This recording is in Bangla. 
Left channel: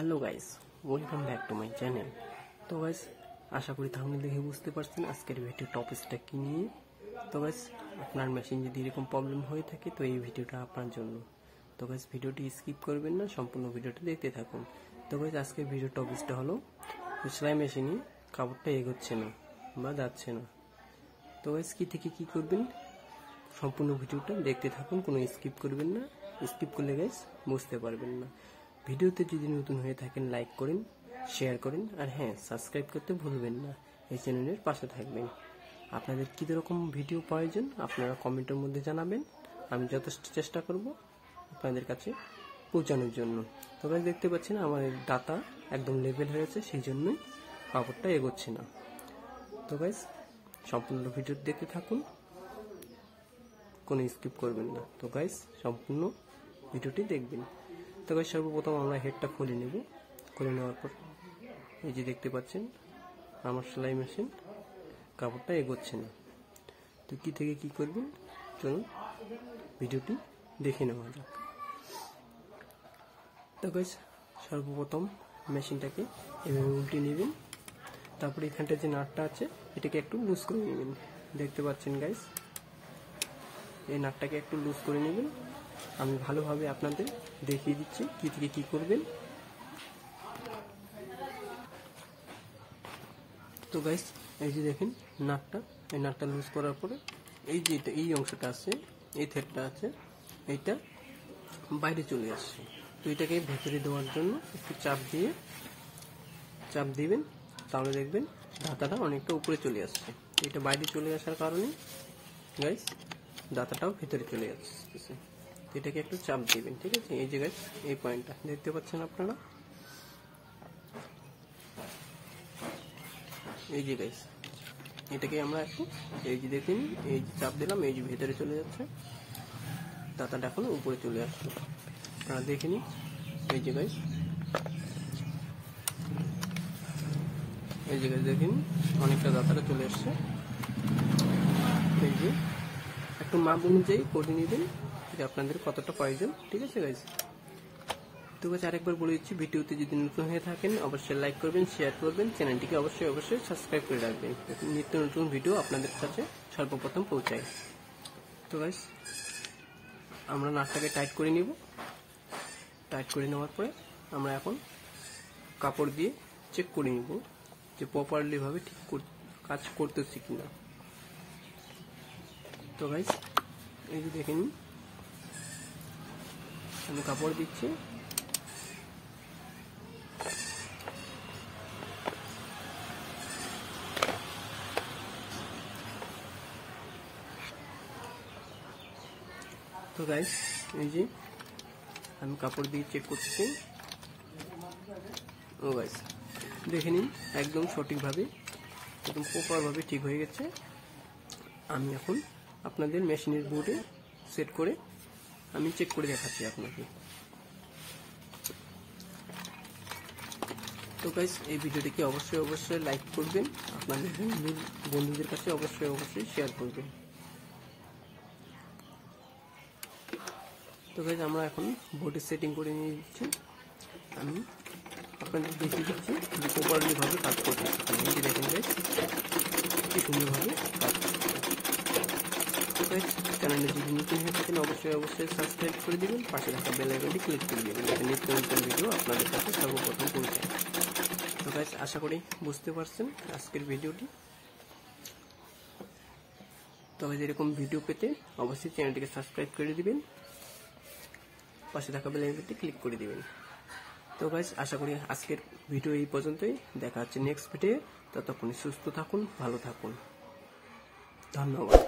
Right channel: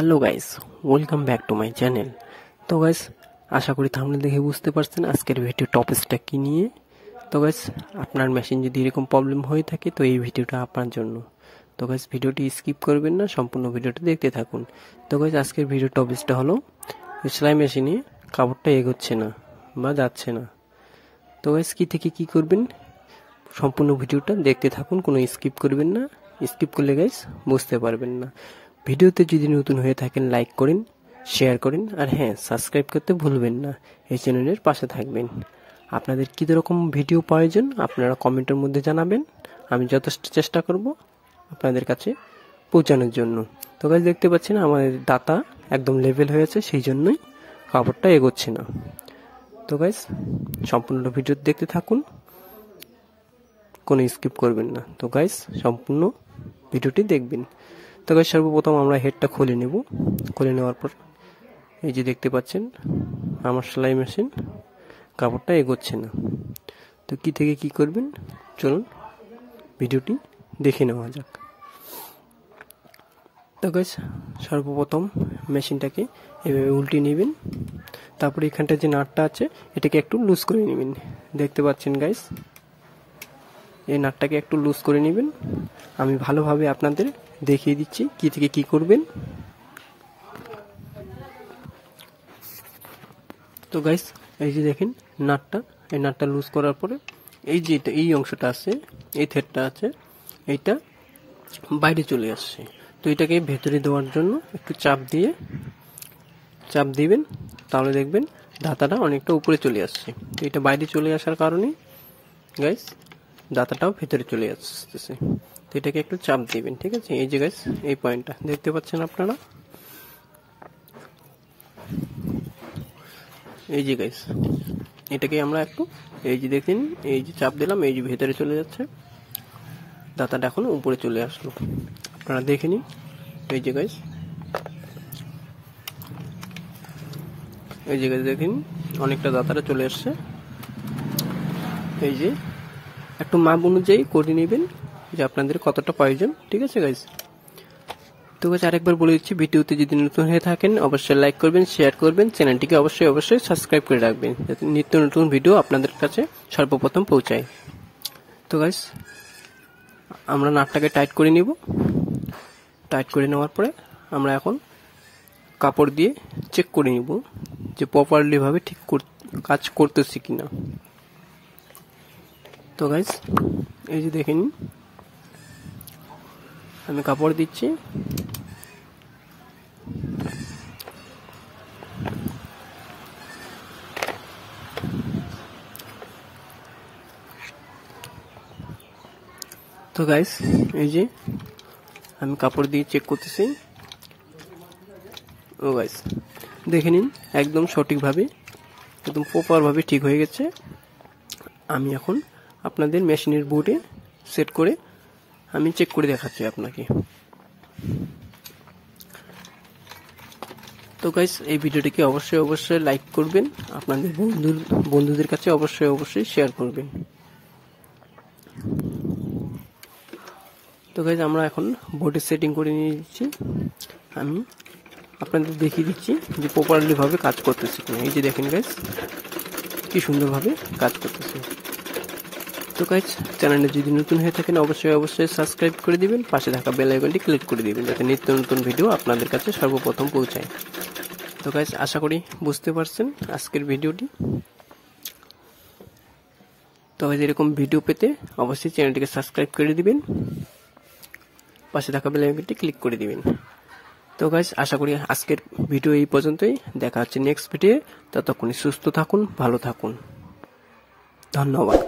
Hello guys, welcome back to my channel. তো গাইস, আশা করি থাম্বনেল দেখে বুঝতে পারছেন আজকের ভিডিও টপিকসটা কি নিয়ে। তো গাইস, আপনার মেশিন যদি এরকম প্রবলেম হয়ে থাকে তো এই ভিডিওটা আপনার জন্য। তো গাইস, ভিডিওটি স্কিপ করবেন না, সম্পূর্ণ ভিডিওটি দেখতে থাকুন। তো গাইস, আজকের ভিডিও টপিকসটা হলো সেলাই মেশিনে কাপড়টা এগোচ্ছে না বা যাচ্ছে না। তো গাইস, কি থেকে কি করবেন সম্পূর্ণ ভিডিওটা দেখতে থাকুন, কোনো স্কিপ করবেন না। স্কিপ করলে গাইস বুঝতে পারবেন না। ভিডিওতে যদি নতুন হয়ে থাকেন লাইক করেন, শেয়ার করেন, আর হ্যাঁ, সাবস্ক্রাইব করতে ভুলবেন না। এই চ্যানেলের পাশে থাকবেন। আপনাদের কী রকম ভিডিও প্রয়োজন আপনারা কমেন্টের মধ্যে জানাবেন, আমি যথেষ্ট চেষ্টা করব আপনাদের কাছে পৌঁছানোর জন্য। তো গাইস, দেখতে পাচ্ছেন আমাদের দাতা একদম লেভেল হয়েছে, সেই জন্যই কাপড়টা এগোচ্ছে না। তো গাইস, সম্পূর্ণ ভিডিও দেখতে থাকুন, কোনো স্কিপ করবেন না। তো গাইস, সম্পূর্ণ ভিডিওটি দেখবেন। তো গাইস, সর্বপ্রথম আমরা হেডটা খুলে নেব। খুলে নেওয়ার পর এই যে দেখতে পাচ্ছেন আমার সেলাই মেশিন কাপড়টা এগোচ্ছে না। তো কি থেকে কি করবেন চলুন ভিডিওটি দেখে নেওয়া যাক। তো গাইস, সর্বপ্রথম মেশিনটাকে এভাবে উল্টে নেবেন। তারপরে এখানটা যে নাটটা আছে এটাকে একটু লুজ করে নেবেন। দেখতে পাচ্ছেন গাইস, এই নাটটাকে একটু লুজ করে নেবেন। আমি ভালোভাবে আপনাদের দেখিয়ে দিচ্ছি কি থেকে কি করবেন। তো গাইস, এই যে দেখেন নাটটা, এই নাটটা লুজ করার পরে এই যে এই অংশটা আছে, এই থ্রেডটা আছে, এইটা বাইরে চলে আসছে। তো এটাকে ভেতরে দেওয়ার জন্য একটু চাপ দিবেন, তাহলে দেখবেন দাতাটা অনেকটা উপরে চলে আসছে। তো এটা বাইরে চলে আসার কারণে গাইস দাতাটাও ভেতরে চলে আসতেছে। তো এটাকে একটু চাপ দিবেন, ঠিক আছে। এই যে গাইস, এই পয়েন্টটা দেখতে পাচ্ছেন আপনারা, এই যে গাইস, এটাকে আমরা একটু এই যে দেখেন, এই যে চাপ দিলাম, এই যে ভেতরে চলে যাচ্ছে, দাতাটা এখন উপরে চলে আসলো। আপনারা দেখে নিন, এই যে গাইস, এই যে গাইস দেখেন অনেকটা দাতাটা চলে আসছে। এই যে একটু মাপ অনুযায়ী করে নেবেন যে আপনাদের কতটা প্রয়োজন, ঠিক আছে গাইস। তো গাইস, আরেকবার বলে দিচ্ছি, ভিডিওতে যদি নতুন হয়ে থাকেন অবশ্যই লাইক করবেন, শেয়ার করবেন, চ্যানেলটিকে অবশ্যই সাবস্ক্রাইব করে রাখবেন যাতে নিত্য নতুন ভিডিও আপনাদের কাছে সর্বপ্রথম পৌঁছায়। তো গাইস, আমরা নাটটাকে টাইট করে নিব। টাইট করে নেওয়ার পরে আমরা এখন কাপড় দিয়ে চেক করে নিব যে প্রপারলি ভাবে ঠিক কাজ করতেছি কিনা। তো গাইস, এই যে দেখেন আমি কাপড় দিচ্ছি। তো গাইস, এই যে আমি কাপড় দিয়ে চেক করতেছি। ও গাইস, দেখে নিন একদম সঠিকভাবে, একদম প্রপারভাবে ঠিক হয়ে গেছে। আমি এখন আপনাদের মেশিনের বোর্ডে সেট করে আমি চেক করে দেখাচ্ছি আপনাকে। তো গাইস, এই ভিডিওটিকে অবশ্যই লাইক করবেন, আপনাদের বন্ধুদের কাছে অবশ্যই শেয়ার করবেন। তো গাইস, আমরা এখন বোর্ডে সেটিং করে নিয়ে দিচ্ছি। আমি আপনাদের দেখিয়ে দিচ্ছি যে প্রপারলি ভাবে কাজ করতেছে কিনা। এই যে দেখেন গাইস, কি সুন্দরভাবে কাজ করতেছে। তো গাইস, চ্যানেলে যদি নতুন হয়ে থাকেন অবশ্যই সাবস্ক্রাইব করে দিবেন, পাশে থাকা বেল আইকনটি ক্লিক করে দিবেন যাতে নিত্য নতুন ভিডিও আপনাদের কাছে সর্বপ্রথম পৌঁছায়। তো গাইস, আশা করি বুঝতে পারছেন আজকের ভিডিওটি। তো গাইস, এরকম ভিডিও পেতে অবশ্যই চ্যানেলটিকে সাবস্ক্রাইব করে দিবেন, পাশে থাকা বেল আইকনটি ক্লিক করে দিবেন। তো গাইস, আশা করি আজকের ভিডিও এই পর্যন্তই। দেখা হচ্ছে নেক্সট ভিডিও। ততক্ষণ সুস্থ থাকুন, ভালো থাকুন, ধন্যবাদ।